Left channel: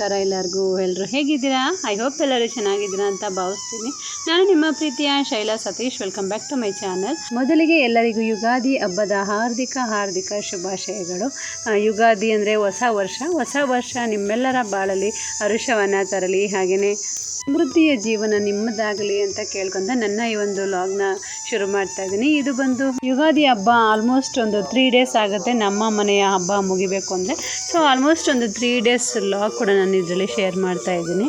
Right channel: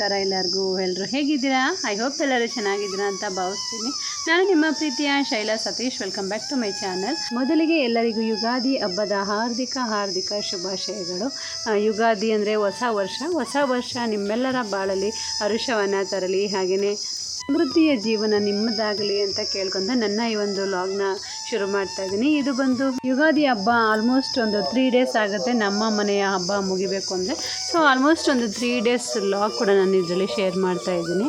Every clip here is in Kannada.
ನಮಸ್ಕಾರ ಎಲ್ಲರಿಗೂ. ಎಲ್ಲರೂ ಹೇಗಿದ್ದೀರಾ? ಐ ಹೋಪ್ ಎಲ್ಲರೂ ಚೆನ್ನಾಗಿದ್ದೀರಾ ಅಂತ ಭಾವಿಸ್ತೀನಿ. ನಾನು ನಿಮ್ಮ ಪ್ರೀತಿಯ Shaila Satish. Welcome back to my channel ಮೊದಲಿಗೆ ಎಲ್ಲರಿಗೂ ಯುಗಾದಿ ಹಬ್ಬದ ಹಾರ್ದಿಕ ಹಾರ್ದಿಕ ಶುಭಾಶಯಗಳು. ಯುಗಾದಿ ಅಂದರೆ ಹೊಸ ವರ್ಷ. ಹೊಸ ವರ್ಷ ನಿಮ್ಮೆಲ್ಲರ ಬಾಳಲ್ಲಿ ಹರುಷವನ್ನು ತರಲಿ. ಹಾಗೆಯೇ ಸಮೃದ್ಧಿಯ ಜೀವನ ನಿಮ್ಮದಾಗಲಿ ಅಂತ ಕೇಳ್ಕೊಂತ ನನ್ನ ಈ ಒಂದು ಲಾಗ್ನ ಶುರು ಮಾಡ್ತಾ ಇದ್ದೀನಿ. ಇದು ಬಂದು ಯುಗಾದಿ ಹಬ್ಬ ಆಲ್ಮೋಸ್ಟ್ ಒಂದು ತ್ರೀ ಡೇಸ್ ಆಗುತ್ತೆ ನಮ್ಮ ಮನೆಯ ಹಬ್ಬ ಮುಗಿಬೇಕು ಅಂದರೆ. ಸೊ ಆಲ್ಮೋಸ್ಟ್ ಒಂದು ತ್ರೀ ಡೇಸ್ ಲಾಗ್ ಕೂಡ ನಾನು ಇದರಲ್ಲಿ ಶೇರ್ ಮಾಡ್ತಾ ಇದ್ದೀನಿ.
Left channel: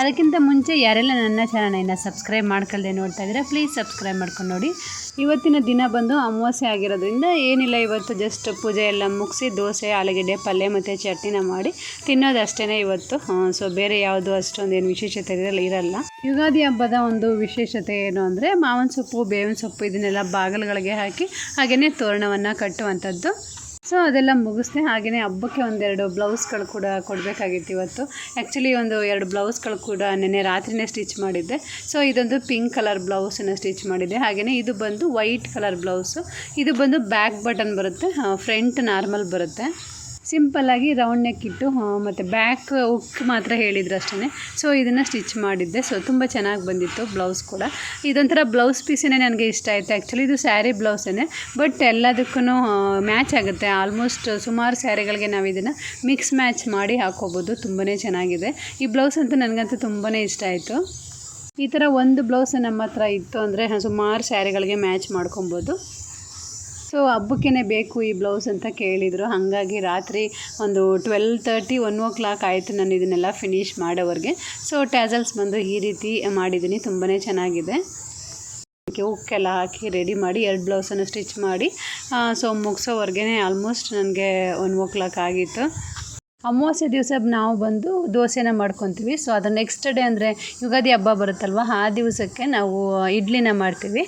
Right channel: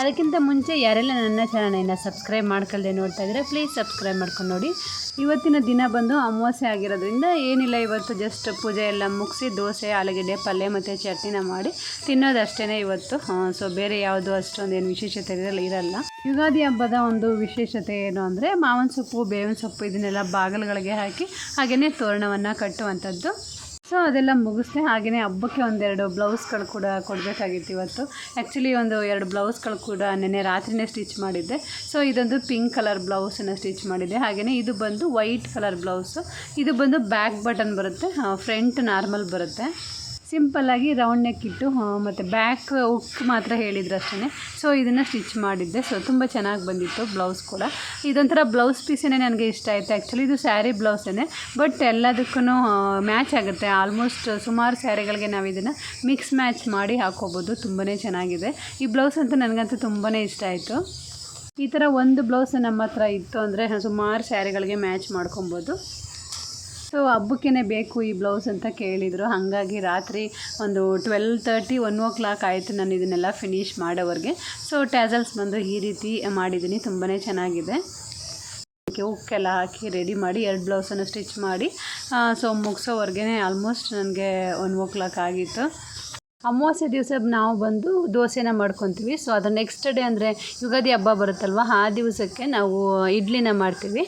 ಅದಕ್ಕಿಂತ ಮುಂಚೆ ಯಾರೆಲ್ಲ ನನ್ನ ಚಾನಲನ್ನು ಸಬ್ಸ್ಕ್ರೈಬ್ ಮಾಡ್ಕೊಳ್ಳದೆ ನೋಡ್ತಾ ಇದ್ದರೆ ಪ್ಲೀಸ್ ಸಬ್ಸ್ಕ್ರೈಬ್ ಮಾಡ್ಕೊಂಡು ನೋಡಿ. ಇವತ್ತಿನ ದಿನ ಬಂದು ಅಮಾವಾಸ್ಯೆ ಆಗಿರೋದ್ರಿಂದ ಏನಿಲ್ಲ, ಇವತ್ತು ಜಸ್ಟ್ ಪೂಜೆ ಎಲ್ಲ ಮುಗಿಸಿ ದೋಸೆ, ಆಲೂಗೆಡ್ಡೆ, ಪಲ್ಯ ಮತ್ತು ಚಟ್ನಿನ ಮಾಡಿ ತಿನ್ನೋದು ಅಷ್ಟೇ ಇವತ್ತು ಸೊ ಬೇರೆ ಯಾವುದು ಅಷ್ಟೊಂದು ಏನು ವಿಶೇಷತೆ ಇರಲ್ಲ ಇರಲ್ಲ. ಯುಗಾದಿ ಹಬ್ಬದ ಒಂದು ವಿಶೇಷತೆ ಏನು ಅಂದರೆ ಮಾವಿನ ಸೊಪ್ಪು, ಬೇವಿನ ಸೊಪ್ಪು ಇದನ್ನೆಲ್ಲ ಬಾಗಿಲುಗಳಿಗೆ ಹಾಕಿ ಹಾಗೆಯೇ ತೋರಣವನ್ನು ಕಟ್ಟುವಂಥದ್ದು. ಸೊ ಅದೆಲ್ಲ ಮುಗಿಸ್ದೆ ಹಾಗೆಯೇ ಹಬ್ಬಕ್ಕೆ ಒಂದೆರಡು ಬ್ಲೌಸ್ಗಳು ಕೂಡ ಕೊಡಬೇಕಾಗಿತ್ತು ಇವತ್ತು. ಆ್ಯಕ್ಚುಲಿ ಒಂದು ಎರಡು ಬ್ಲೌಸ್ಗಳು ಕೂಡ ನೆನ್ನೆ ರಾತ್ರಿನೇ ಸ್ಟಿಚ್ ಮಾಡಿದ್ದೆ. ಸೊ ಇದೊಂದು ಪಿಂಕ್ ಕಲರ್ ಬ್ಲೌಸನ್ನು ಸ್ಟಿಚ್ ಮಾಡಿದ್ದೆ. ಹಾಗೆಯೇ ಇದು ಬಂದು ವೈಟ್ ಕಲರ್ ಬ್ಲೌಸು. ಇದು ಬಂದು ಬ್ಯಾಕ್ ಬಟನ್ ಬರುತ್ತೆ ಫ್ರಂಟ್ ನಾರ್ಮಲ್ ಬರುತ್ತೆ. ಸಿಂಪಲ್ಲಾಗಿ ರೌಂಡ್ ನೆಕ್ ಇಟ್ಟು ಮತ್ತು ಬ್ಯಾಕ್ ಉಕ್ ಮಾತ್ರ ಹೇಳಿದ್ರು ಅಷ್ಟೇ ಸೊ ಇದನ್ನು ಸ್ಟಿಚ್ ಮಾಡಿದ್ದೆ. ಸೊ ತುಂಬ ಚೆನ್ನಾಗಿ ಬಂದಿತ್ತು ಬ್ಲೌಸ್ ಕೂಡ. ಇದೊಂಥರ ಬ್ಲೌಸ್ ಪೀಸೇ ನನಗೆ ಇಷ್ಟ ಆಯಿತು. ಆ್ಯಕ್ಚುಲಿ ಇದು ಸ್ಯಾರಿ ಬ್ಲೌಸೇ ಬಟ್ ಎಲ್ಲದಕ್ಕೂ ಮ್ಯಾಚ್ ಆಗುತ್ತೆ. ಆಲ್ಮೋಸ್ಟ್ ಸುಮಾರು ಸ್ಯಾರಿಗಳಿಗೆ ನಾವು ಇದನ್ನು ಮಿಕ್ಸ್ ಮ್ಯಾಚ್ ಮಾಡಿ ಹಾಕೋಬೋದು. ತುಂಬಾ ಚೆನ್ನಾಗಿದೆ. ಈ ಬ್ಲೌಸ್ ಅಂತೂ ನನಗಂತೂ ತುಂಬಾ ಇಷ್ಟ ಆಯಿತು. ಈ ಥರ ಒಂದು ಬ್ಲೌಸ್ ನಮ್ಮ ಹತ್ರ ಇತ್ತು ಅಂದರೆ ಸುಮಾರು ಸ್ಯಾರಿಗಳಿಗೆ ಮ್ಯಾಚ್ ಮಾಡ್ಕೊಬೋದು. ಸೊ ಹಬ್ಬಕ್ಕೇ ಬೇಕು ಈ ಬ್ಲೌಸ್ ಅಂತ ಕೇಳಿದರು. ಹಾಗಾಗಿ ರಾತ್ರಿ ಒಂದು twelve thirty one o'clock ಆಯಿತು ನಾನು ಇದನ್ನೆಲ್ಲ ಫಿನಿಶ್ ಮಾಡೋವರೆಗೆ. ಸೊ ಟ್ಯಾಸಲ್ಸ್ ಬಂದು ಈ ರೀತಿ ಮಾಡಿದ್ದೀನಿ. ತುಂಬಾ ಚೆನ್ನಾಗಿದೆ. ಉಕ್ಕೆಲ್ಲ ಹಾಕಿ ರೆಡಿ ಮಾಡಿ ಎರಡು ಬ್ಲೌಸನ್ನು ಸ್ಟಿಚ್ ಮಾಡಿ ಸೊ ಮುಗಿಸೋವರೆಗೆ ಆಲ್ಮೋಸ್ಟ್ ನನಗೆ ಒನ್ ಓ ಕ್ಲಾಕ್ ಆಗಿತ್ತು. ಅಮಾವಾಸ್ಯೆ ದಿವಸ ನಾವು ಬಂದು ದೋಸೆನ ಮಾಡ್ಕೊತೀವಿ. ಸೊ ಅದು ನೆಕ್ಸ್ಟ್ ಡೇ ಅಂದರೆ ಯುಗಾದಿ ಹಬ್ಬ ಬರುತ್ತಲ್ವ, ಆ ದಿವಸಕ್ಕೆ ನಾವು ಇಡ್ಲಿನ ಮಾಡ್ತೀವಿ.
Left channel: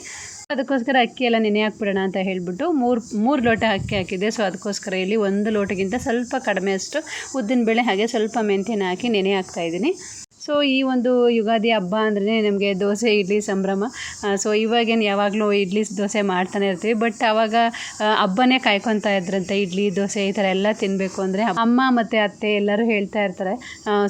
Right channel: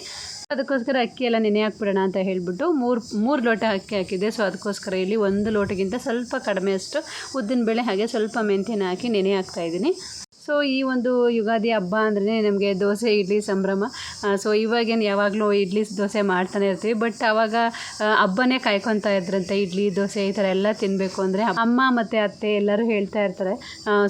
ಅದಕ್ಕೋಸ್ಕರ ಅಕ್ಕಿ ಎಲ್ಲ ನೆನೆ ಹಾಕ್ಬಿಡೋಣ ಅಂತ ಹೇಳಿಬಿಟ್ಟು ಮೂರು ಮೂರು ಲೋಟ ಅಕ್ಕಿ ಹಾಕಿದ್ದೆ. ಸೊ ಅದಕ್ಕೋಸ್ಕರ ಇಲ್ಲಿ ಒಂದು ಲೋಟಗಿಂತ ಸ್ವಲ್ಪ ಕಡಿಮೆ ಅಷ್ಟು ಉದ್ದಿನ ಬೇಳೆ ಹಾಗೆ ಸ್ವಲ್ಪ ಮೆಂತ್ಯನ ಹಾಕಿ ನೆನೆ ಹಾಕ್ತಾಯಿದ್ದೀನಿ ಸೊ ಈ ಒಂದು ಯುಗಾದಿ ಹಬ್ಬ ಅಂದ್ರೆ ನಮಗೆ ದೋಸೆ ಇಡ್ಲಿ ಸಂಭ್ರಮ. ಸೊ ಇವಾಗೇನು ಯಾವಾಗಲೂ ಇಡ್ಲಿ ದೋಸೆ ಮಾಡ್ತಾನೆ ಇರ್ತೀವಿ. ಬಟ್ ಆವಾಗ ಆ, ಹಬ್ಬನೇ ಕಾಯ್ಕೊತಾ ಇದ್ರಂತೆ. ಇಡ್ಲಿ ದೋಸೆ ಈ ಥರ ಎಲ್ಲ ತಿನ್ನಬೇಕು ಅಂದರೆ ಅಮ್ಮ ಮತ್ತು ಅತ್ತೆ ಎಲ್ಲರೂ ಹೇಳ್ತಾ ಇರ್ತಾರೆ.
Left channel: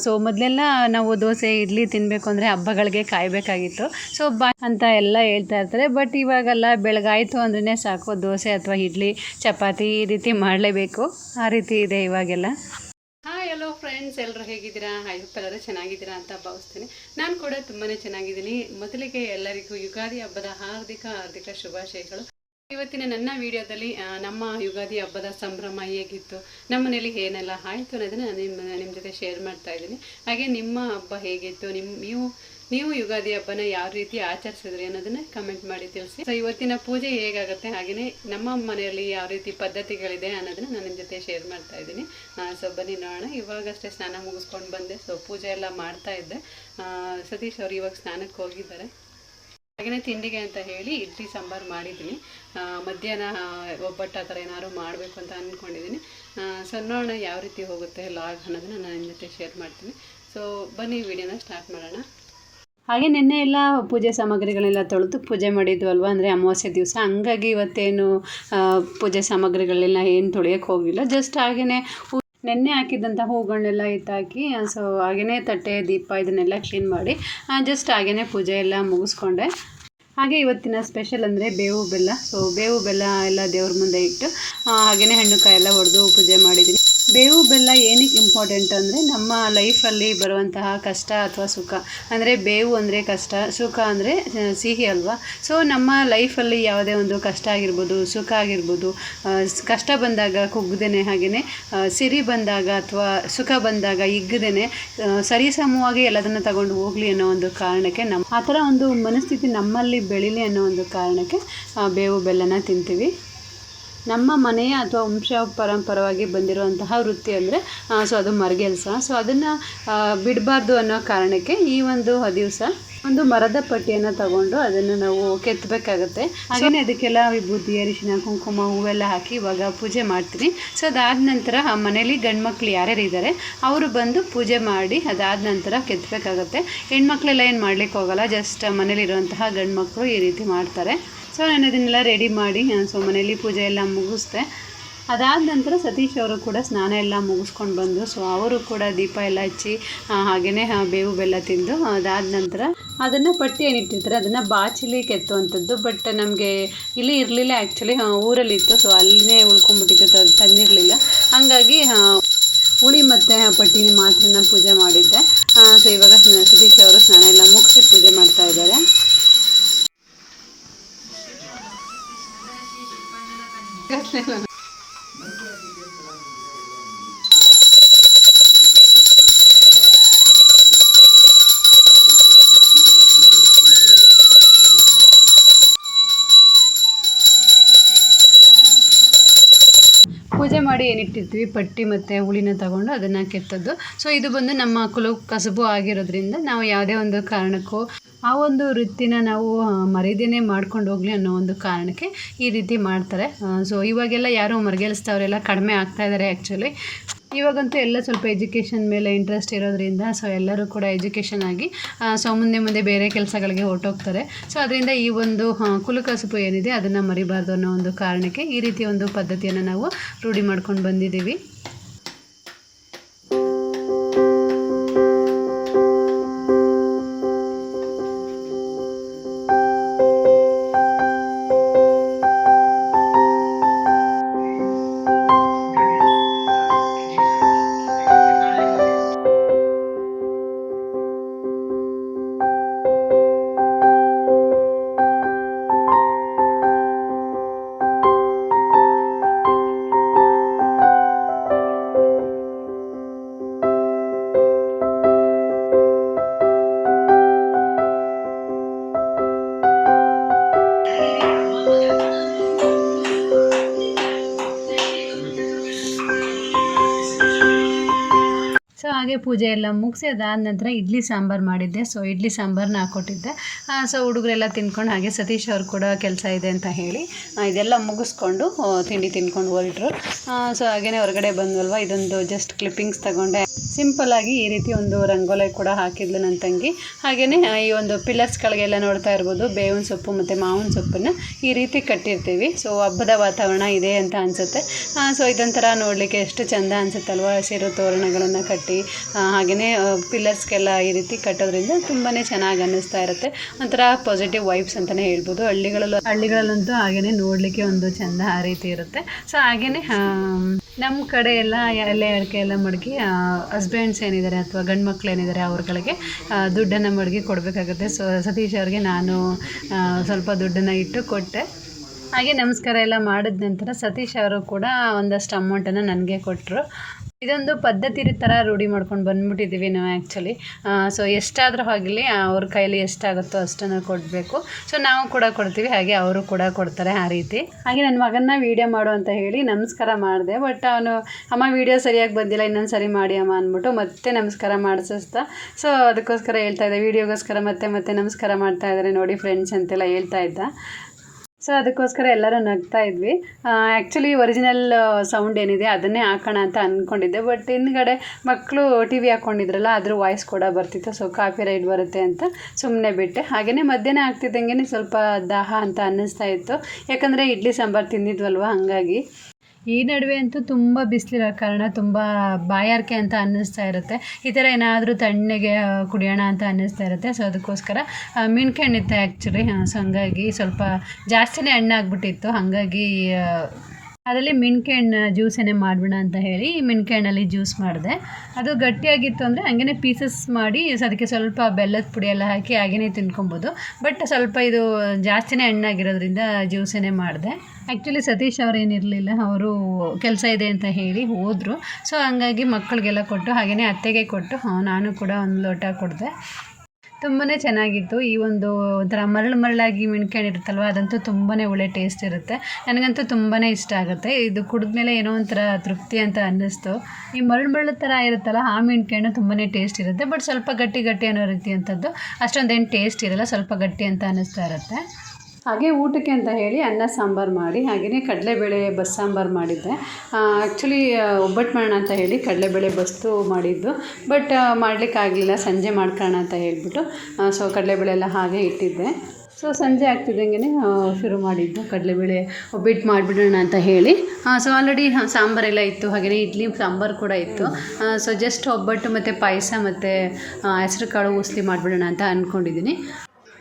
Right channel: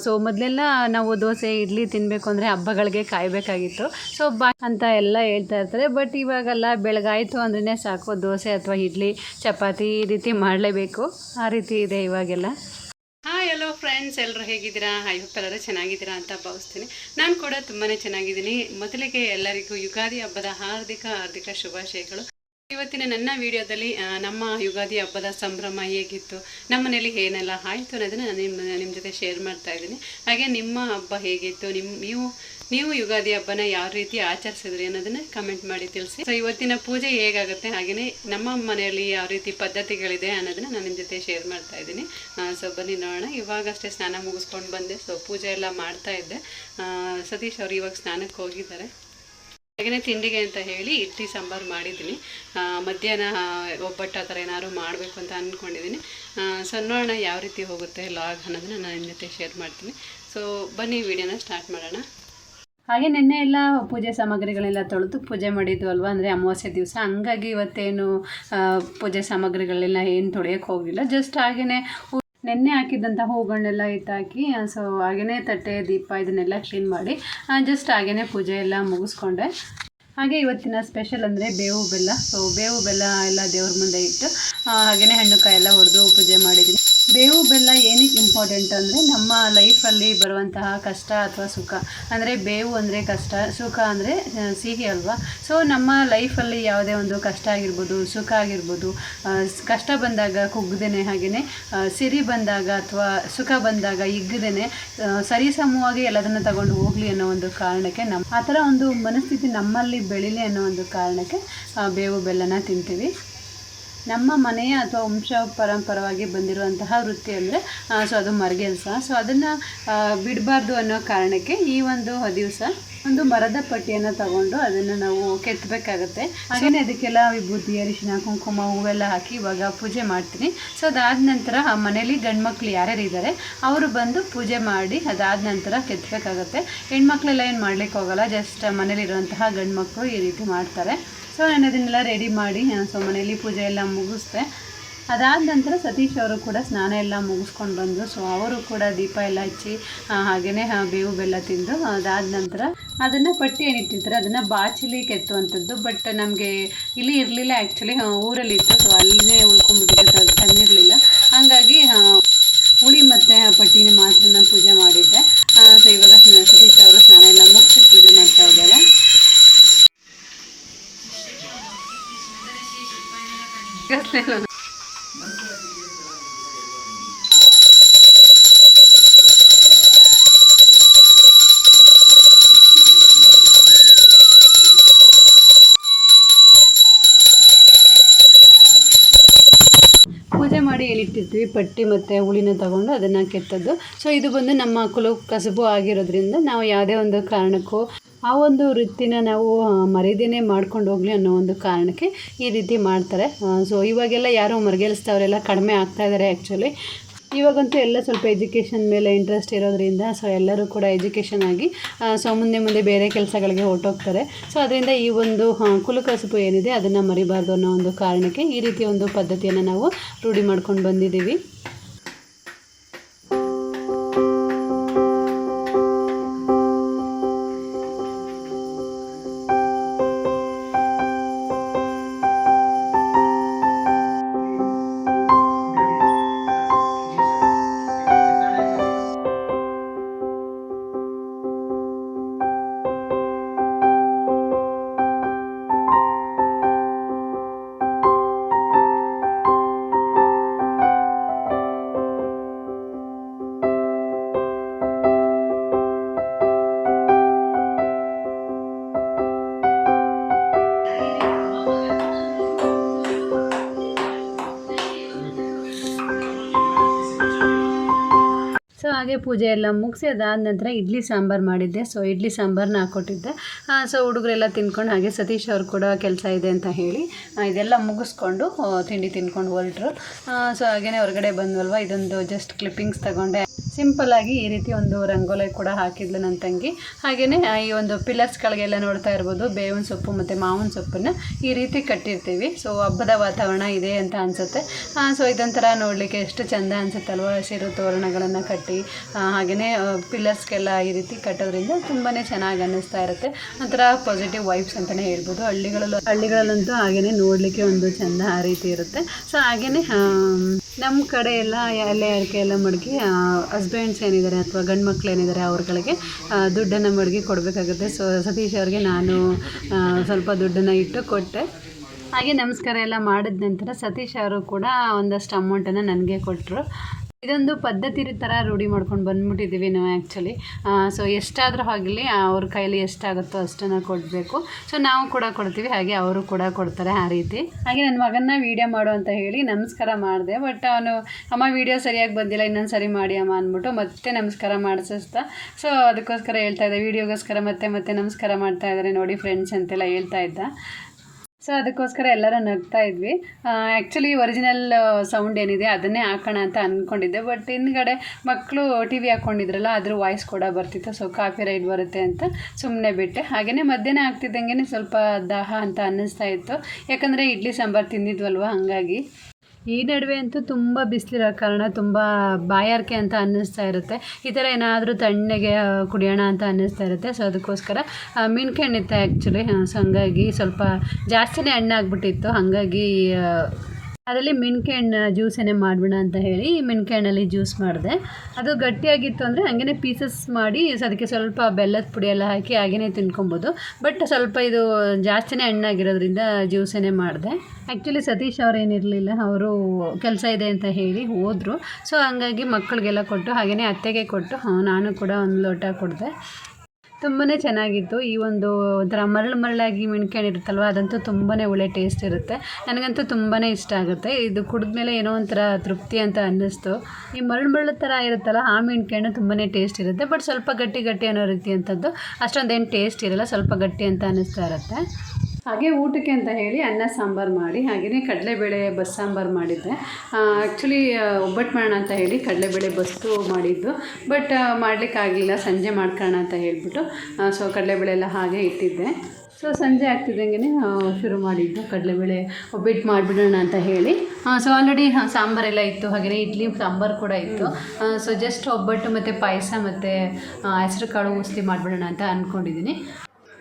ಸೊ ಮೊದಲೆಲ್ಲ ನಾವು ದೋಸೆ ಇಡ್ಲಿ ತಿನ್ನಬೇಕು ಅಂದರೆ ಹಬ್ಬಗಳಿಗೆ ಕಾಯಬೇಕಾಗಿತ್ತು. ಸೊ ಬಾ ಅಂತ ಎಲ್ಲ ಹೇಳ್ತಾ ಇರ್ತಾರೆ. ಬಟ್ ಇವಾಗೆಲ್ಲ ಬೆಳಗಾಯಿತು ಅಂದ್ರೇ ಸಾಕು. ದೋಸೆ ಅಥವಾ ಇಡ್ಲಿ ಚಪಾತಿ ಈ ರೀತಿ ಮಾಡಲೇಬೇಕು. ಆ ರೀತಿ ಇದೆ ಇವಾಗೆಲ್ಲ. ಹಾಯ್ ಎಲ್ಲೋ ಫ್ರೆಂಡ್ಸ್ ಎಲ್ಲರೂ ಹೇಗಿದ್ದೀರಾ? ಐ ಹೋಪ್ ಎಲ್ಲರೂ ಚೆನ್ನಾಗಿದ್ದೀರಾ ಅಂತ ಭಾವಿಸ್ತೀನಿ. ನಾನು ಕೂಡ ತುಂಬಾ ಚೆನ್ನಾಗಿದ್ದೀನಿ. ಮೊದಲಿಗೆ ಎಲ್ಲರಿಗೂ ಯುಗಾದಿ ಹಬ್ಬದ ಹಾರ್ದಿಕ ಹಾರ್ದಿಕ ಶುಭಾಶಯಗಳು. ಇವತ್ತಿನ ನನ್ನ ವಿಡಿಯೋದಲ್ಲಿ ನಮ್ಮ ಯುಗಾದಿ ಹಬ್ಬದ ಸಂಭ್ರಮ ಹೇಗಿತ್ತು ನಮ್ಮ ಮನೇಲಿ ಏನೆಲ್ಲ ಆಯಿತು ಅನ್ನೋದನ್ನು ನಾನು ನಿಮ್ಮ ನಿಮ್ಮ ಜೊತೆ ಶೇರ್ ಮಾಡ್ತಾ ಇದ್ದೀನಿ. ಹಾಗೆ ನಿಮ್ಮ ಹಬ್ಬ ಹೇಗಿತ್ತು ನಿಮ್ಮ ನೀವು ನೀವು ಯುಗಾದಿ ಹಬ್ಬನ ಯಾವ ರೀತಿ ಆಚರಿಸಿದ್ರಿ ಅನ್ನೋದನ್ನ ಕಮೆಂಟ್ ಮಾಡಿ ತಿಳಿಸಿ. ಸೊ ಇವತ್ತಿನ ಪೂಜೆ ಹೇಗಾಗುತ್ತೆ ಹಾಗೆಯೇ ನಮ್ಮ ಮನೆಯಲ್ಲಿ ಯಾವ ರೀತಿ ಪದ್ಧತಿಗಳಿದೆ ಅನ್ನೋದನ್ನ ನಾನು ನಿಮ್ಮ ಜೊತೆ ಶೇರ್ ಮಾಡ್ತಾ ಇದ್ದೀನಿ. ಸೊ ಬನ್ನಿ ನೋಡೋಣ. ಇವಾಗಷ್ಟೇ ಸ್ನಾನ ಮುಗಿಸ್ಕೊಂಡು ಬಂದೆ. ಸೊ ಪೂಜೆ ಎಲ್ಲ ಮಾಡ್ತಾ ಇದ್ದೆ. ಸತೀಶ್ ಅವರು ಇವಾಗ ಸ್ನಾನಕ್ಕೆ ಹೋಗಿದ್ದಾರೆ. ಹಾಗೆಯೇ ತಿಂಡಿಗೆ ಅಂತ ಹೇಳಿ ಇಡ್ಲಿ ಸಾಂಬಾರು ಮಾಡಿದ್ದೀನಿ. ಮಧ್ಯಾಹ್ನ ಒಬ್ಬಟ್ಟು ಆ ಥರ ಏನಾದ್ರು ಮಾಡಬೇಕು ಅಂತ ಅಂದ್ಕೊಂಡಿದ್ದೀನಿ ಸೊ ನೋಡೋಣ ಯಾವ ರೀತಿ ಹೋಗುತ್ತೆ ಲಾಗ್ ಅನ್ನೋದನ್ನ ನಾನು ನಿಮ್ಮ ಜೊತೆ ಶೇರ್ ಮಾಡ್ತೀನಿ. ಸೊ ಬನ್ನಿ ವಿಡಿಯೋನ ಸ್ಟಾರ್ಟ್ ಮಾಡೋಣ. ಹಾಗೆ ನಿನ್ನೆ ಎಲ್ಲ ಪೂಜೆ ಸಾಮಗ್ರಿಗಳೆಲ್ಲ ತೊಳೆದು ಪೂಜೆ ಮಾಡಿದ್ದು ಅಲ್ವಾ? ಅಂದರೆ ಅಮಾವಾಸ್ಯೆ ದಿವಸ. ಹಂಗಾಗಿ ಇವತ್ತೇನು ಪೂಜೆ ಸಾಮಗ್ರಿಗಳೆಲ್ಲ ಏನು ತೊಳೆಯೋಕ್ಕೆ ಹೋಗಲಿಲ್ಲ. ಜಸ್ಟ್ ಹಾಗೆಯೇ ನೆನ್ನೆ ಹಾಕಿದ್ದಂಥ ಹೂಗಳನ್ನೆಲ್ಲ ಎತ್ತಾಕಿ ಸೊ ಹಾಗೆಯೇ ತಟ್ಟೆ, ದೀಪ ಇದನ್ನೆಲ್ಲ ಕ್ಲೀನ್ ಮಾಡಿ ಜಸ್ಟ್ ಹಾಗೆಯೇ ಪೂಜೆ ಎಲ್ಲ ಮುಗಿಸ್ಕೊಂಡೆ. ಹಾಗೆ ಇವತ್ತಿನ ಸ್ಪೆಷಲ್ ಅಂದರೆ ಬೇವು ಬೆಲ್ಲ. ಸೊ ಬೇವು ಬೆಲ್ಲ ಎಲ್ಲ ದೇವ್ರ ಮುಂದೆ ಇಟ್ಟು ಹಾಗೆಯೇ ಹಣ್ಣು ಕಾಯೆಲ್ಲ ಎಲ್ಲ ಹೊಡೆದು ಪೂಜೆ ಮಾಡಿದ್ದೀನಿ ಬೇವು ಬೆಲ್ಲ ಏನಕ್ಕೆ ಇಂಪಾರ್ಟೆಂಟ್ ಅಂದರೆ ನಮ್ಮ ಲೈಫಲ್ಲಿ ಬರುವಂತಹ ಕಷ್ಟ ಅಥವಾ ಸುಖ. ಅಂದರೆ ಬೇವು ಅಂದರೆ ಕಷ್ಟ, ಸುಖ ಅಂದರೆ ಸಿಹಿ ಅಲ್ವಾ? ಸೊ ನಮ್ಮ ಲೈಫಲ್ಲಿ ಯಾವುದೇ ಒಂದು ಕಷ್ಟ ಆಗಿರ್ಬೋದು, ಸುಖ ಆಗಿರ್ಬೋದು ಕಷ್ಟ ಬಂದಾಗ ಕುಗ್ಗದೇನೆ ಹಾಗೆಯೇ ಸಿರಿ ಬಂದಾಗ ಅಥವಾ ಸುಖ ಬಂದಾಗ ಇಗ್ಗದೇನೆ ಸರಿಸಮವಾಗಿ ಎಲ್ಲದನ್ನು ತಗೊಂಡು ಹೋಗಲಿ ಅನ್ನೋ ಒಂದು ಕಾರಣಕ್ಕೆ ನಮ್ಮ ಆ ಥರ ಒಂದು ಮನಸ್ಥಿತಿ ನಮ್ಮಲ್ಲಿ ಬೆಳೀಲಿ ಅನ್ನೋ ಒಂದು ಕಾರಣಕ್ಕೆ ಬೇವು ಬೆಲ್ಲನ ತಿಂತೀವಿ. ನಮ್ಮ ಮನೆಯ ಅಥವಾ ವಂಶ ಪರಂಪರವಾಗಿ ಬಂದಿರುವಂತಹ ವೃತ್ತಿ ಅಂದರೆ ಸೊ ಅದು ಮರಗೆಲಸ ಸೊ ಅದನ್ನು ಬಿಡಬಾರ್ದು ಅನ್ನೋ ಕಾರಣಕ್ಕೆ ಈ ಒಂದು ದಿವಸ ಒಂದು ಮರದ ಪಟ್ಟಿಯನ್ನು ತಗೊಂಡು ಅದನ್ನು ನಾವು ಕೆತ್ತಬೇಕಾಗತ್ತೆ. ಹಾಗೆಯೇ ಅದಕ್ಕೆಲ್ಲ ವಿಭೂತಿ ಅರಿಶಿನ ಕುಂಕುಮ ಹೂವೆಲ್ಲ ಹಾಕಿ ಇವಾಗ ಪೂಜೆ ಮಾಡ್ತೀನಿ. ಸೊ ಅದಾದ ನಂತರ ಆ ಮನೇಲಿ ಗಂಡು ಮಕ್ಳು ಯಾರ್ಯಾರು ಇದ್ದಾರೆ ಅವರು ಬಂದು ಪೂಜೆ ಮಾಡಿ ಅದಾದ ನಂತರ ಕೆತ್ತಬೇಕಾಗತ್ತೆ. ಹೆಣ್ಮಕ್ಳೆಲ್ಲ ಏನು ಮಾಡ್ಲಿಕ್ಕೆ ಹೋಗಲ್ಲ ಜಸ್ಟ್ ಮನೇಲಿರುವಂತಹ ಗಂಡು ಮಕ್ಕಳು ಈ ರೀತಿ ಮಾಡ್ತಾರೆ. ಸೊ ನಾನು ಇದನ್ನೆಲ್ಲ ರೆಡಿ ಮಾಡಿ ಸೊ ಮನೇಲಿ ಪೂಜೆ ಎಲ್ಲ ಮುಗಿಸ್ದೆ. ಅದಾದ ನಂತರ ಸತೀಶ್ ಅವರು ಕೂಡ ಸ್ನಾನ ಎಲ್ಲ ಮುಗಿಸ್ಕೊಂಡು ಬಂದು ಸೊ, ಅವರು ಕೂಡ ದೀಪ ಎಲ್ಲ ಹಚ್ಚಿ ಹಾಗೆಯೇ ಬೇವು ಬೆಲ್ಲ ತಿಂದು, ಅದಾದ ನಂತರ ಅದನ್ನು ಪಟ್ಟಿ ಏನಿಟ್ಟಿರ್ತಾರೆ ಅದನ್ನು ಬಾಚಿಲಿ ಕೆತ್ತುವಂಥದ್ದು. ಬಟ್ ನಮಗೆ ಇಲ್ಲಿ ಇರಲಿಲ್ಲ ಆ್ಯಕ್ಚುಲಿ ಊರಲ್ಲಿತ್ತು ಸೊ, ಅಲ್ಲಿನೇ ಉಳ್ಕೊಂಡ್ಬಿಟ್ಟಿತ್ತು ಅದು ತಂದಿರಲಿಲ್ಲ. ಹಾಗಾಗಿ ಹುಳಿ ಮತ್ತು ಪಟ್ಟಿನ ಮಾತ್ರ ಪೂಜೆ ಮಾಡಿದ್ದೆ. ಸೊ, ಇವಾಗ ಸತೀಶ್ ಅವರು ಸ್ನಾನ ಎಲ್ಲ ಮುಗಿಸಿ hacerlo. ¿no? ಮಾಡಿ ಏನಿಟ್ಟಿರ್ತೀವಿ ಪಟ್ಟಿ ಮತ್ತು ಹುಳಿನ ತಗೊಂಡು ಅದನ್ನು ಕೆತ್ತದ್ದು ಸೊ ಇದು ಬಂದು ನಮ್ಮ ಕುಲು ಕಸಬು ಆಗಿರೋದ್ರಿಂದ ನಾವು ಯಾವುದೇ ಒಂದು ಕಾರಣಕ್ಕೂ ಆ ಒಂದು ವೃತ್ತಿನ ನಾವು ಮರೀದೇನೆ ಮಾಡ್ಕೊಂಡು ಹೋಗಲಿ ಅನ್ನೋ ಒಂದು ಕಾರಣಕ್ಕೆ ಈ ರೀತಿ ಮಾಡ್ತಾರೆ. ಸೊ ಇವಾಗೆಲ್ಲ ಯಾರೋ ಮರಗೆಲಿಸ್ತವರೆಲ್ಲ ಕಡಿಮೆ ಆಗ್ತಾ ಇದ್ದಾರೆ ಆ್ಯಕ್ಚುಲಿ ಇವಾಗಂತೂ ಎಲ್ಲ ಸ್ವಲ್ಪ ಎಜುಕೇಷನ್ ಮೇಲೆ ಇಂಟ್ರೆಸ್ಟ್ ಇರೋದ್ರಿಂದ ಸೊ ಎಲ್ಲರೂ ಕೂಡ ಎಜುಕೇಷನ್ ಆಗಿ ಸೊ ಮುಂದೆ ಮುಂದೆ ಬೇರೆ ಕೆಲಸಗಳಿಗೆ ಹೊರಟೋಗ್ತಾರೆ. ಸೊ ಅದರಿಂದ ಈ ಒಂದು ಕುಲಕಸುಪು ಏನಿದೆ ಅದನ್ನು ಮರಿಬಾರ್ದು ಅನ್ನೋ ಒಂದು ಕಾರಣಕ್ಕೆ ಈ ರೀತಿಯ ಒಂದು ಪದ್ಧತಿಯನ್ನು ನಾವು ರೂಢಿ ಮಾಡ್ಕೊಂಡು ಬಂದಿದ್ದೀವಿ. ಹಾಗೆ ಪೂಜೆ ಎಲ್ಲ ಮುಗಿಸಿ ಅದಾದ ನಂತರ ಇಡ್ಲಿ ಸಾಂಬಾರು ಮಾಡಿದ್ದೆ. ಸೊ ಇಡ್ಲಿ ಸಾಂಬಾರನ್ನ ಹಾಕ್ಕೊಟ್ಟಿದ್ದೆ ಸೊ ಹುಡುಗರೆಲ್ಲ ತಿನ್ಕೊಂಡು ಹಾಗೆ ಸತೀಶ್ ಅವ್ರು ಕೂಡ ಕೆಲಸ ಇದೆ ಅಂತ ಹೇಳಿ ಇದೆಲ್ಲ ಮುಗಿಸ್ಕೊಂಡು ತಿಂಡಿ ತಿನ್ಕೊಂಡು ಹೊರಟರು ಸೊ ಹಾಗೆಯೇ ಹೊರಗಡೆ ಬಂದ್ವಲ್ವ? ಇದೊಂದು ಜಸ್ಟ್ ಕ್ಲಿಪ್ಪಿಂಗ್ಸ್ ತಗೊಂಡೆ. ಸಿಂಪಲ್ಲಾಗಿ ಈ ರೀತಿ ಒಂದು ರಂಗೋಲಿ ಕೂಡ ಹಾಕಿದ್ಲು ನನ್ನ ತಂಗಿ. ಹಾಗೆಯೇ ಈ ಒಂದು ಪಿಲ್ಲರ್ಸ್ಗಳಿಗೆಲ್ಲ ನೋಡ್ತಾ ಇರ್ಬೋದು, ಬೇವಿನ ಸೊಪ್ಪು ಮತ್ತು ಮಾವಿನ ಸೊಪ್ಪನ್ನು ಈ ರೀತಿ ಕಟ್ಟಿರ್ತೀವಿ. ಸೊ ಹಬ್ಬದ ವಾತಾವರಣ ಇದೆ ಅಂತ ಅನಿಸುತ್ತೆ. ಸೊ ಇದೊಂಥರ ನೋಡಲಿಕ್ಕೆ ಎಷ್ಟು ಚಂದ ಅನಿಸುತ್ತಲ್ವ? ಹಸಿರು ತೋರಣಗಳನ್ನು ಕಟ್ಟಿ ಹಾಗೆಯೇ ಪಿಲ್ಲರ್ಸ್ಗೆಲ್ಲ ಈ ರೀತಿ ಕಟ್ಟೋದ್ರಿಂದ ತುಂಬಾ ಚೆನ್ನಾಗಿ ಅನ್ನಿಸ್ತಾ ಇರುತ್ತೆ. ಒಂಥರ ಪಾಸಿಟಿವ್ ವೈಬ್ಸ್ ಅಂತಲೇ ಹೇಳ್ಬೋದು. ಹಳ್ಳಿಗಳಲ್ಲೂ, ಹಳ್ಳಿಗಳಲ್ಲಂತೂ ಹಾಗೆಯೇ ನೋಡಲಿಕ್ಕೆ ಒಂದು ಚೆಂದ ಆ ರೀತಿ ಇರುತ್ತೆ. ಸೊ ಹಾಗೆಯೇ ನಮ್ಮ ಕಡೆ ಎಲ್ಲ ಎಲೆ ಅಡಿಕೆ ಎಲ್ಲ ಮಡಗಿ ಹಸ್ಬೆಂಡ್ಸ್ ಏನಿದ್ದಾರೆ ಅಥವಾ ಗಂಡು ಮಕ್ಕಳು ಏನಿದ್ದಾರೆ ಅವ್ರಗಳಿಗೆ ದುಡ್ಡನ್ನು ಮಡಗಿ ಕೊಡಬೇಕಾಗುತ್ತೆ. ಸೊ ಸತೀಶ್ ಅವ್ರಿಗೆ ನಾನು ಸ್ವಲ್ಪ ದುಡ್ಡನ್ನು ಇಟ್ಟು ಕೊಟ್ಟೆ. ಹಾಗೆ ನಮಸ್ಕಾರ ಎಲ್ಲ ಮಾಡಿದ ನಂತರ ಸತೀಶ್ ಅವರು ಕೂಡ ಒಂದಷ್ಟು ಅಮೌಂಟನ್ನು ನನಗೆ ಕೊಟ್ಟರು ಇದೊಂದು ಪದ್ಧತಿ ಥರ ರೂಢಿ ಮಾಡ್ಕೊಂಡು ಬಂದ್ಬಿಟ್ಟಿದ್ದೀವಿ ನಾವು ಆ್ಯಕ್ಚುಲಿ ಸೊ ಎಷ್ಟಾದರೂ ಆಗಲಿ ಅವ್ರ ಕೈಯಲ್ಲಿ ಎಷ್ಟಾಗುತ್ತೋ ಅಷ್ಟನ್ನು ಕೊಡಬೇಕು. ಸೊ ನಾವು ಕೂಡ ಕೊಡ್ತೀವಿ, ಹಾಗೆ ಅವರು ಕೂಡ ಕೊಡ್ತಾರೆ ಆ ರೀತಿ. ಹಾಗೆ ನನ್ನ ಮಗನ್ನ ವೀಡಿಯೋ ಮಾಡು ಅಂತ ಹೇಳಿ ನಮಸ್ಕಾರ ಮಾಡಿದೆ ಬಟ್ ಅವನು, ಅಮ್ಮ ವೀಡಿಯೋ ಸರಿಯಾಗಿ ಬಂದಿಲ್ಲ, ಇನ್ನೊಂದು ಸರಿ ಮಾಡಿ ಅಮ್ಮ ಅಂದ್ಬಿಟ್ಟು ಮತ್ತೆ ನಮಸ್ಕಾರ ಮಾಡಿಸ್ತಾ ಸೊ ಅದಕ್ಕೋಸ್ಕರ ಹೇಳ್ತಾ ಇದ್ದೆ, ವೀಡಿಯೋಗೋಸ್ಕರ ಮತ್ತೆ ಮತ್ತೆ ನಮಸ್ಕಾರ ಮಾಡ್ತಾ ಇದ್ದಾರೆ ನೋಡಿ ಫ್ರೆಂಡ್ಸ್ ಅಂತೆಲ್ಲ ಹೇಳ್ತಾ ಇದ್ದ. ಸೊ ಅದಕ್ಕೋಸ್ಕರ ಎಲ್ಲರೂ ನಗ್ತಾ ಇದ್ವಿ. ಆ್ಯಕ್ಚುಲಿ ಒರಿಜಿನಲ್ ಸೌಂಡ್ ಏನಿದೆ ಅದನ್ನೇ ಹಾಕೋಣ ಅಂತ ಅಂದ್ಕೊಂಡಿದ್ದೆ ಬಟ್ ಹಿಂದ್ಗಡೆ ಮಕ್ಕಳು ಟಿ ವಿ ಹಾಕ್ಕೊಂಡಿದ್ರಲ್ಲ ಅದ್ರ ವಾಯ್ಸ್ ಕೂಡ ಬರ್ತಿತ್ತು. ಸೊ ಕಾಪಿ ರೈಟ್ ಬರುತ್ತೆ ಅಂತ ಸುಮ್ಮನೆ ಬಿಟ್ಟೆ. ಹಾಗೆಯೇ ಮಧ್ಯಾಹ್ನ ಆಗ್ತಿದ್ದಂಗೆ ಸ್ವಲ್ಪ ದಾಹ ಅಂತ ಅನ್ನಿಸ್ತಾ ಇತ್ತು. ಯಾಕಂದರೆ ಇಡ್ಲಿ ಸಾಂಬಾರು ತಿಂದಿದ್ವಲ್ವ, ಹಾಗಾಗಿ. ಈ ನಡುವೆ ಅಂತೂ ತುಂಬ ಬಿಸಿಲಿರೋ ಕಾರಣ ತುಂಬ ಬಾಯಾರಿಕೆ ಅಂತ ಅನ್ನಿಸ್ತಾ ಇರುತ್ತೆ. ಈ ಥರ ಏನಾದರೂ ತಣ್ಣಗೆ ಕುಡಿಯೋಣ ಅಂತ ಅನ್ನಿಸ್ತಾ ಇರುತ್ತೆ. ಸೊ ಅದಕ್ಕೋಸ್ಕರ ಮಿಣ್ಕೆ ಹಣ್ಣಿತ್ತು ಆ್ಯಕ್ಚುಲಿ ಸೊ ಹಂಗಾಗಿ ಸ್ವಲ್ಪ ಜಾಸ್ತಿನೇ ಹಣ್ಣಾಗ್ಬಿಟ್ಟಿತ್ತು ಹಾಗಾಗಿ ಅದರಲ್ಲಿ ಮಿಣ್ಕೆ ಹಣ್ಣು ಏನೇ ಮಾಡಿಬಿಡ ಅಂತ ಹೇಳಿ ಮಿಣ್ಕೆ ಹಣ್ಣಲ್ಲಿ ಜ್ಯೂಸ್ ಮಾಡಿದೆ. ಅದು ಗಟ್ಟಿಯಾಗಿತ್ತು ಅಂದರೆ ಹಂಗೇ ಪೀಸಸ್ ಮಾಡಿ ಅದಕ್ಕೆ ಸ್ವಲ್ಪ ಬೆಲ್ಲದ ಪುಡಿ ಎಲ್ಲ ಹಾಕಿ ಹಾಗೇ ತಿನ್ಕೊಬೋದು. ಬಟ್ ಸ್ವಲ್ಪ ಇದು ಜಾಸ್ತಿನೇ ಹಣ್ಣಾಗಿರೋದ್ರಿಂದ ಜ್ಯೂಸೇನೆ ಮಾಡಿದೆ. ಆ್ಯಕ್ಚುಲಿ ಸತೀಶ್ ಅವರೇನಿರಲಿಲ್ಲ ಅವರು ಕೆಲಸ ಇದೆ ಅಂತ ಹೇಳಿ ಹೋದರು. ಸೊ ಹಂಗಾಗಿ ಮಕ್ಕಳಿಗೆಲ್ಲ ಕೊಟ್ಟು ಹಾಗೆಯೇ ಅತ್ತೆಗೆ ಕೊಟ್ಟು ನಾನು ಕೂಡ ಒಂದು ಲೋಟ ಕೊಡಿದೆ. ತುಂಬಾ ಚೆನ್ನಾಗಿತ್ತು. ಈ ಒಂದು ಒಂಥರ ಮರಳು ಮರಳಾಗಿ ಮಿಣ್ಕೊಂಡಿರುತ್ತಲ್ವ ಅದಂತೂ ತುಂಬಾ ಒಳ್ಳೆ ಟೇಸ್ಟ್ ಇರುತ್ತೆ. ನನಗಂತೂ ತುಂಬಾ ಇಷ್ಟ ಆಗುತ್ತೆ. ಇದು ಕುಡಿದ್ಮೇಲೆ ಏನೋ ಒಂಥರ ತೃಪ್ತಿ ಅಂತ ಅನ್ನಿಸ್ತು. ಈ ಮರಳು ಮರಳು ಥರ ಇರುತ್ತಲ್ಲ, ಆ ಮಿಣ್ಕೊಂಡು ತುಂಬಾ ಟೇಸ್ಟ್ ಇರುತ್ತೆ. ಬಟ್ ಸ್ವಲ್ಪ ಗಟ್ಟಿ ಗಟ್ಟಿ ಅನ್ನೋ ರೀತಿ ಅಂಥದ್ದು ಅಷ್ಟೊಂದೇನು ಟೇಸ್ಟ್ ಇರಲ್ಲ, ಸ್ವಲ್ಪ ಗಟ್ಟಿ ಅಂತ ಅನ್ನಿಸ್ತಾ ಇರುತ್ತೆ. ಹಾಗೆ ಊಟಕ್ಕೆ ಅಂತ ಹೇಳಿ ಅನ್ನ, ಸಾಂಬಾರು ಮಾಡಿ, ಹಾಗೆಯೇ ಕಡಲೆಬೇಳೆ ಬಸ್ ಸಾಂಬಾರು ಮಾಡಿದ್ದೆ. ಆ್ಯಕ್ಚುಲಿ ಒಬ್ಬಟ್ಟು ಮಾಡೋಣ ಅಂತ ಹೇಳಿ ಕಡಲೆಬೇಳೆ ಬಸ್ತು ಮಾಡಿದ್ದು. ಬಟ್ ಮಾಡಲಿಕ್ಕಾಗಲಿಲ್ಲ, ಸಂಜೆ ಮಾಡ್ಕೋಣ ಅಂತ ಹೇಳಿಬಿಟ್ಟು ಸೊ ಕಡಲೆಬೇಳೆ ಎಲ್ಲ ಹಾಗೆ ಇಟ್ಟಿದ್ದೆ. ಸೊ ಸಂಜೆ ಆಗ್ತಿದ್ದಂಗೆ ಶುರು ಮಾಡಿದ್ದು. ಕಡಲೆಬೇಳೆ ಒಬ್ಬಿಟ್ಟು ಮಾಡಿಬಿಡೋಣ ಅಂತ ಹೇಳಿ. ಸೊ ಆಲ್ರೆಡಿ ಸಾಂಬಾರೆಲ್ಲ ಇತ್ತು. ಹಾಗೆಯೇ ಇಡ್ಲಿ, ಸಾಂಬಾರು ಕೂಡ ಇತ್ತು. ಸೊ ಜಸ್ಟ್ ಒಬ್ಬಟ್ಟು ಮತ್ತು ಪಾಯಸ ಮತ್ತು ಹೆಸರು ಕಾಳು ಉಸ್ಲಿ ಮಾಡಿಬಿಡೋಣ ಅಂತ ಅಂದ್ಕೊಂಡಿದ್ದೀನಿ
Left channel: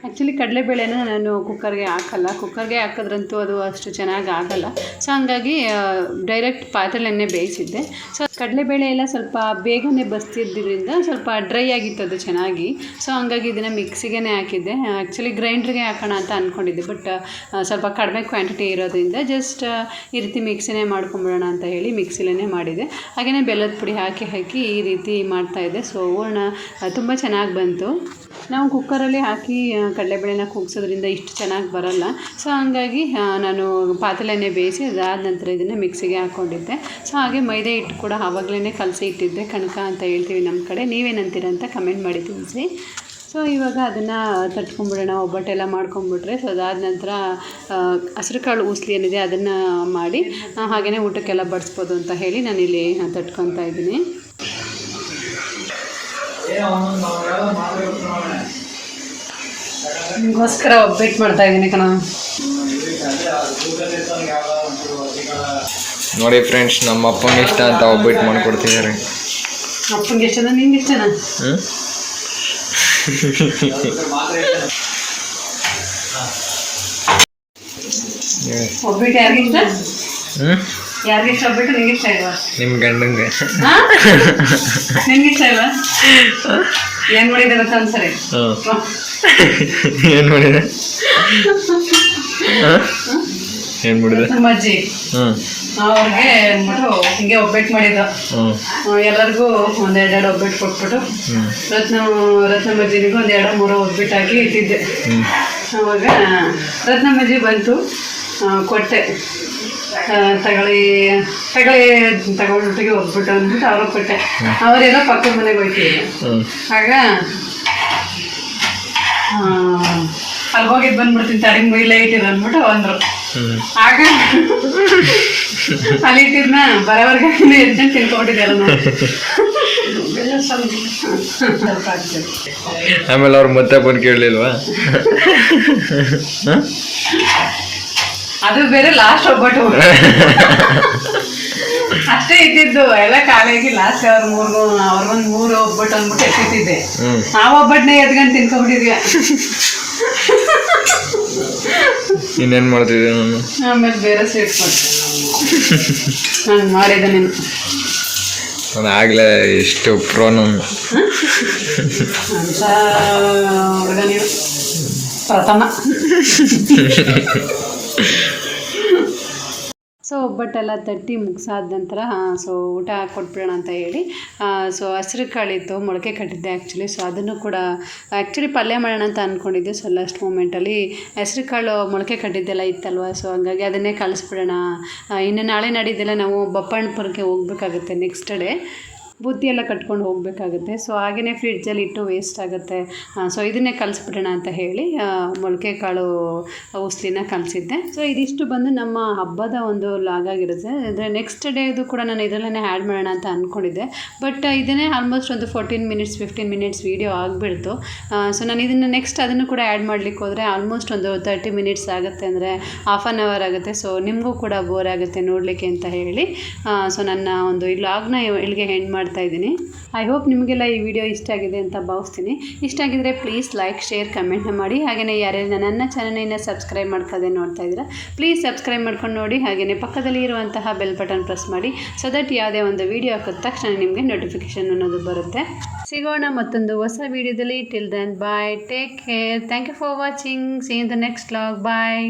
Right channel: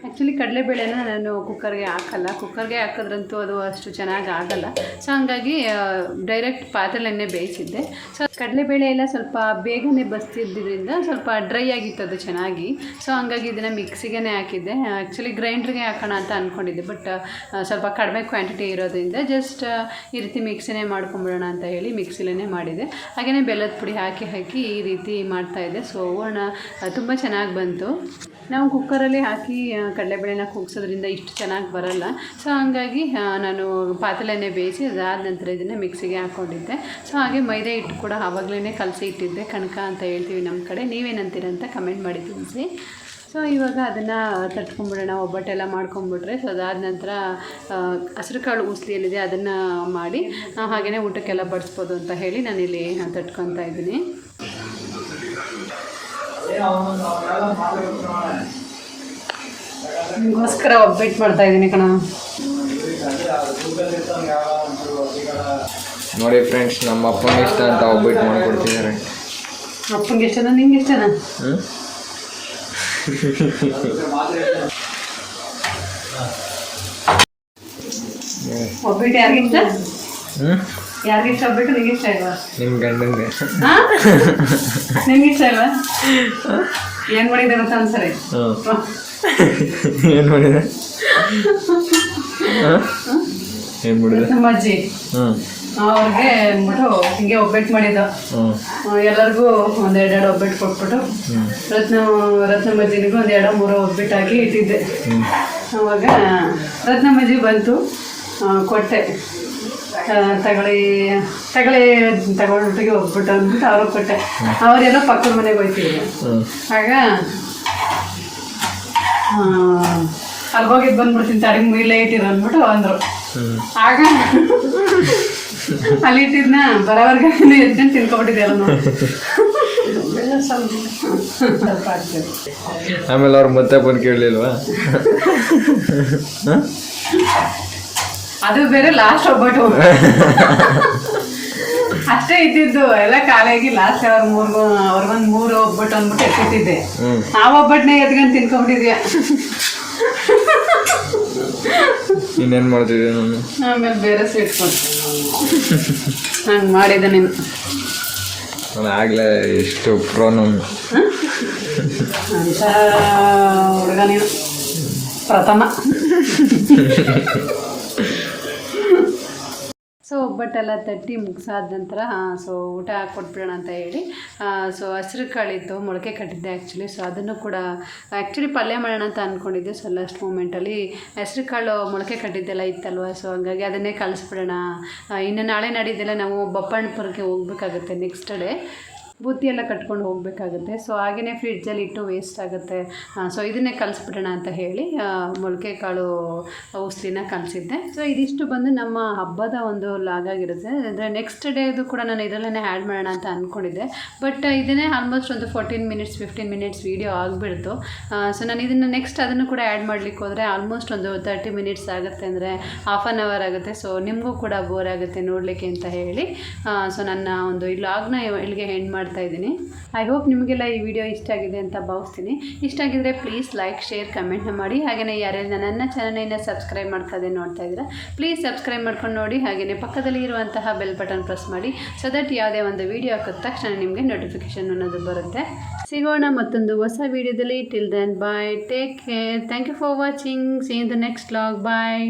ಆ್ಯಕ್ಚುಲಿ ಕಡಲೆಬೇಳೆನ ನಾನು ಕುಕ್ಕರ್ಗೆ ಹಾಕಲ್ಲ. ಕುಕ್ಕರ್ಗೆ ಹಾಕಿದ್ರಂತೂ ಅದು ಅಷ್ಟು ಚೆನ್ನಾಗಿ ಆಗಲ್ಲ. ಸೊ ಹಂಗಾಗಿ ಡೈರೆಕ್ಟ್ ಪಾತ್ರೆಯನ್ನೇ ಬೇಯಿಸಿದ್ದೆ. ಸೊ ಕಡಲೆಬೇಳೆ ಎಲ್ಲ ಸ್ವಲ್ಪ ಬೇಗನೆ ಬಸ್ತಿದ್ದರಿಂದ ಸ್ವಲ್ಪ ಡ್ರೈ ಆಗಿತ್ತು ಅದು ಚೆನ್ನಾಗಿ. ಸೊ ಹಂಗಾಗಿ ಇದನ್ನು ಮಿಕ್ಸಿಗೆ ಹಾಕಿದ್ದೆ. ಆ್ಯಕ್ಚುಲಿ ಗ್ರೈಂಡ್ರಿಗೆ ಹಾಕೋಣ ಅಂತ ಅಂದ್ಕೊಂಡಿದ್ದೆ ಬಟ್ ಸ್ವಲ್ಪ ಕಡಿಮೆ ಕ್ವಾಂಟಿಟಿ ಇರೋದ್ರಿಂದ ಜಸ್ಟ್ ಈ ರೀತಿ ಮಿಕ್ಸಿನೇ ಮಾಡ್ಕೊಂಬಿಡೋಣ ಅಂತ ಹೇಳಿ ಮಿಕ್ಸಿಲೇ ಮಾಡಿದೆ. ಹಾಗೆಯೇ ಬೆಲ್ಲದ ಪುಡಿ ಹಾಕಿ ಹಾಕಿ ಈ ರೀತಿ ಮಾಡ್ತಾಯಿದ್ದೆ ಸೊ ಹೂರ್ಣ ತುಂಬ ಚೆನ್ನಾಗಿ ಬಂತು. ನಾವು ಕುಕ್ಕರಲ್ಲಿ ಹಾಕಿ ಕಡಲೆಬೇಳೆನ ಕುಗ್ಸೋದ್ರಿಂದ ಇಷ್ಟು ಚೆನ್ನಾಗಿ ಬರಲ್ಲ. ಸೊ ಹಂಗಾಗಿ ನಾನು ಪಾತ್ರೆನೇ ಬೇಯಿಸಿ ಅದಾದ ನಂತರ ಇದನ್ನು ಮಿಕ್ಸಿಗೆ ಹಾಕ್ಕೊಂಡಿದ್ದೆ ಸೊ ಹಾಗೆ ಮೈದಾ ಹಿಟ್ಟು ಕೂಡ ಆವಾಗಲೇ ಕಲಸಿ ಇಟ್ಟಿದ್ದೆ. ಕಣಕ ಅಂತ ಹೇಳ್ತೀವಿ ನಮ್ಮ ಕಡೆ. ನೀವೇನಂತೀರ ಅಂತ ಕಮೆಂಟ್ ಮಾಡಿ ತಿಳಿಸಿ ಸೊ ಇವಾಗ ಅದನ್ನು ತಟ್ಕೊಂಡ್ಬಿಡೋಣ. ಒಬ್ಬಟ್ಟೆಲ್ಲ ಮಾಡ್ಕೊಂಡ್ಬಿಟ್ರೆ ಸೊ ಅದಾದ ನಂತರ ಹಸಿರು ಕಾಳು ಉಸ್ಲಿ ಏನಿದೆ ಅದನ್ನು ಮಾಡಿ ನಾವು ಹಾಗೆಯೇ ಊಟಕ್ಕೆಲ್ಲ ಬಡಿಸ್ಬೋದು ಅಂತ ಹೇಳಿ ನಾನಿಲ್ಲಿ ತಟ್ಕೊತಾ ಇದ್ದೀನಿ. ನಿಮಗೋಸ್ಕರ ಒಬ್ಬಿಟ್ಟು ಮಾಡ್ತಾ ಇದ್ದೀನಿ ಕಣ. ನೋಡಿ ಫ್ರೆಂಡ್ಸ್ ನಮ್ಮ ಅಪ್ಪಂಗೆ ಇಷ್ಟ ಅಂತ ಒಬ್ಬಿಟ್ಟು ಮಾಡ್ಕೊಡ್ತಿದ್ದಾರೆ. ಅಪ್ಪಂಗೆ ಇಷ್ಟನಾ ನಿಂಗೆ ಇಷ್ಟನಾ? ಹ್ಞೂ ಯಾರಿಗೆ ಯಾರಿಗಿಷ್ಟ ಯಾರಿಗೆ ಯಾರಿಗಿಷ್ಟ ಒಬ್ಬಿಟ್ಟು ನಿಂಗೆ ಇಷ್ಟ ಇಲ್ವಾ? ನಿಮ್ಮ ಗಂಡಂಗೆ. ನಿಮ್ಗೆ ಇಷ್ಟ ಇಲ್ವಾ? ಏನು ಮಾಡಿದೆ ಗೊತ್ತಾ ಒಂದ್ಸರಿ? ಏನು ಮಾಡಿದೆ? ಏನು ಮಾಡಿದೆ? ಅಜ್ಜಿ. ಹ್ಞೂ ಅವ್ರಿಗೆ ಅಂದ್ಬಿಟ್ಟು ಹಿಂಗೆ ಒಬ್ಬಟ್ಟು ಮಾಡಿದ್ದು. ಹ್ಞೂ ಆ, ಎಲ್ಲರಿಗೂ ಒಂದೆರಡೆರಡು ಒಬ್ಬಟ್ಟು ಕೊಟ್ಬಿಟ್ಟು ರತ್ನ ರತ್ನಮಜ್ಜಿನಿಗೂ ಒಂದು ಎರಡು ಮೂರು ಒಬ್ಬಿಟ್ಟು ಹಾಕಿ ಇಟ್ಟಿದ್ದೆ. ಆವಾಗ ಅವಾಗ ರತ್ನಮ್ಮಜ್ಜಿ ಬಂತು ಕೊಟ್ಟೆ. ತಗೊಳ್ಳಿ ತಗೊಳ್ಳಿ ತಗೊಂಡ್ಬಿಟ್ಟಿಗೆ ಹೋಗ್ಬಿಟ್ಟು ಅಂದ್ಬಿಟ್ಟು ಅವ್ರಿಗೆ ಕೊಟ್ಟೆ. ಅವರೆಲ್ಲ ಪಕ್ಕದ ಮನೆಗೆ ಹೋಗ್ತಿದ್ರು ಆಗ ಅಲ್ಲಿ ಹೋಗಿದ್ದು ಬಂದ್ಬಿಡ್ತೀನಿ ತಡಿಗೆ ಮೇಲೆ ಇಟ್ಟಿದ್ದು ಅಂದ್ಬಿಟ್ಟು ಅಂದರು. ಆಗ ಅಲ್ಲಿ ಇಟ್ಟಿದ್ನ ಬರೋವರೆಗೆ ಎದ್ಕೊಂಡು ಆಗ್ತದೆ ಆಮೇಲೆ ಅವ್ರು ಮತ್ತೆ ಬಂದು ಕೇಳಲಿಲ್ವಾ? ಅದು ಬೇರೆ ಲಾಸ್ಟ್ ಒಬ್ಬಟ್ಟು. ಅಷ್ಟೇ ಇದ್ದಿದ್ದು ಎಲ್ಲ ಖಾಲಿಯಾಗಿ ಲಾಸ್ಟ್ ಅವ್ರ ಮೂರು ಅವ್ರಿಗೊಂದು ಮೂರು ಒಬ್ಬಟ್ಟು ಅಂದ್ಬಿಟ್ಟು ಎತ್ತಿದ್ದೆ ಆ ಒಬ್ಬಟ್ಟನ್ನ ಎದ್ಕೊಂಡು ತಿನ್ಕೊಂಡಿದ್ಯ? ಇನ್ನೇನು ಮಾಡ್ತಿದ್ದೆ ನಾನು? ಆಮೇಲೆ ಬೇರೆ ಸ್ವೀಟ್ ಕೊಡ್ತೀನಿ ಹಂಗೆ ಮಾಡಿದೆ ನೀನು ನಾನು ಆಗ್ಲೇ ಎಷ್ಟು ಪ್ರೋ ನಾನು. ಪ್ರಥಮ. ಸೊ ಒಬ್ಬಟ್ಟೆಲ್ಲ ತಟ್ಟಿ ಮುಗಿಸಾದ ನಂತರ ಸೊ ಊಟ ಕೊಟ್ಬಿಡೋಣ ಅಂತ ಹೇಳಿ ಸೊ ಹಸಿರು ಕಾಳಿತ್ತು ಮೊಳಕೆ ಕಟ್ಟಿದ್ದೆ ಆ್ಯಕ್ಚುಲಿ ಸೊ ಅದನ್ನು ಕೂಡ ಆ್ಯಕ್ಚುಲಿ ಪಲ್ಯ ಮಾಡೋಣ ಅಂತ ಅಂದ್ಕೊಂಡಿದ್ದೆ ಸೊ ಲಾಸ್ಟ್ ಮೂಮೆಂಟಲ್ಲಿ ಹಸಿರು ಕಾಳು ಮೊಳಕೆ ಕಟ್ಟಿದ್ದೆಲ್ಲ ಇತ್ತಲ್ವ? ಸೊ ಹಂಗಾಗಿ ಅದನ್ನೇ ಕಳಿಸ್ಬಿಡೋಣ. ಇನ್ನು ನಾಳೆ ನಾಡಿದ್ದೆಲ್ಲ ನಾವು ಬಪ್ಪಣ್ಣಪುರಕ್ಕೆ ಹೋಗ್ಬೇಕಾಗುತ್ತೆ ನೆಕ್ಸ್ಟ್ ಡೇ ಬುತ್ತಿ ಎಲ್ಲ ಕಟ್ಕೊಂಡು ಹೋಗಬೇಕಾಗುತ್ತೆ. ಸೊ ಹಾಗೆಯೇ ಫ್ರಿಡ್ಜಲ್ಲಿ ಇಟ್ಟು ವೇಸ್ಟ್ ಆಗುತ್ತೆ. ಸೊ ಇದನ್ನೇ ಕಲಿಸ್ಬಿಡೋಣ ಅಂತ ಹೇಳಿ ಮೊಳಕೆ ಕಾಳು ಔಷಧಿನ ಕಲಿಸಿದ್ದೆ. ಸೊ ಇದಿಷ್ಟು ಬಂದು ನಮ್ಮ ಹಬ್ಬದ ಒಂದು ಲಾಗ್ ಆಗಿರುತ್ತೆ. ಅಂದರೆ ನೆಕ್ಸ್ಟ್ ಡೇದು ಕೂಡ ನಾನು ಇದರಲ್ಲೇ ಆ್ಯಡ್ ಮಾಡೋಣ ಅಂತ ಅಂದ್ಕೊಂಡಿದ್ದೆ ಬಟ್ ಇದನ್ನೇ ಆಲ್ಮೋಸ್ಟ್ ಒಂದು fourteen minutes fifteen minutes video ಆಗಿಬಿಡ್ತು. ಸೊ ನಾನು ಇದನ್ನು ನೆಕ್ಸ್ಟ್ ಅದನ್ನು ಕೂಡ ಆ್ಯಡ್ ಮಾಡಲಿಕ್ಕೆ ಹೋದರೆ ಆಲ್ಮೋಸ್ಟ್ ಒಂದು ತರ್ಟಿ ಮಿನಿಟ್ಸ್ ಆಗುತ್ತೆ. ಅಂದರೆ ಹಾಫ್ ಆನ್ ಅವರ್ ಆಗುತ್ತೆ. ಸೊ ನಿಮಗೂ ಕೂಡ ಬೋರ್ ಆಗುತ್ತೆ ನೋಡಲಿಕ್ಕೆ ಅಂತ ಹೇಳಿ. ಸೊ ನನ್ನ ಒಂದು ಈ ಲಾಗ್ನ ಇಲ್ಲಿಗೆ ಹೆಂಡ್ ಮಾಡ್ತಾ ಇದ್ದೀನಿ. ಐ ಹೋಪ್ ನಿಮಗೆಲ್ಲ ಈ ವಿಡಿಯೋ ಇಷ್ಟ ಆಗಿದೆ ಅಂತ ಭಾವಿಸ್ತೀನಿ. ಇಷ್ಟ ಆಗಿದ್ದರೆ ಪ್ಲೀಸ್ ಲೈಕ್ ಶೇರ್ ಕಮೆಂಟ್ನ ಮಾಡಿ. ಹಾಗೆಯೇ ಯಾರ್ಯಾರು ನನ್ನ ಚಾನಲಿನ ಸಬ್ಸ್ಕ್ರೈಬ್ ಮಾಡ್ಕೋದೆ ನೋಡ್ತಾ ಇದ್ದೀರಾ ಪ್ಲೀಸ್ ಸಬ್ಸ್ಕ್ರೈಬ್ ಮಾಡ್ಕೊಂಡು ನೋಡಿ. ಹಾಗೆಯೇ ಪಕ್ಕದಲ್ಲಿ ಇರುವಂತಹ ಬೆಲ್ ಬಟನ್ ಪ್ರೆಸ್ ಮಾಡಿ. ಸೊ ದಟ್ ಯಾವುದೇ ಒಂದು ವಿಡಿಯೋ ಹಾಕಿದ ತಕ್ಷಣ ನಿಮಗೆ ನೋಟಿಫಿಕೇಷನ್ ಅನ್ನೋದು ಬರುತ್ತೆ. ಸಿಗೋಣ ಮತ್ತೊಂದು ಹೊಸ ವಿಡಿಯೋದಲ್ಲಿ till then bye take care thank you for watching see in the next vlog bye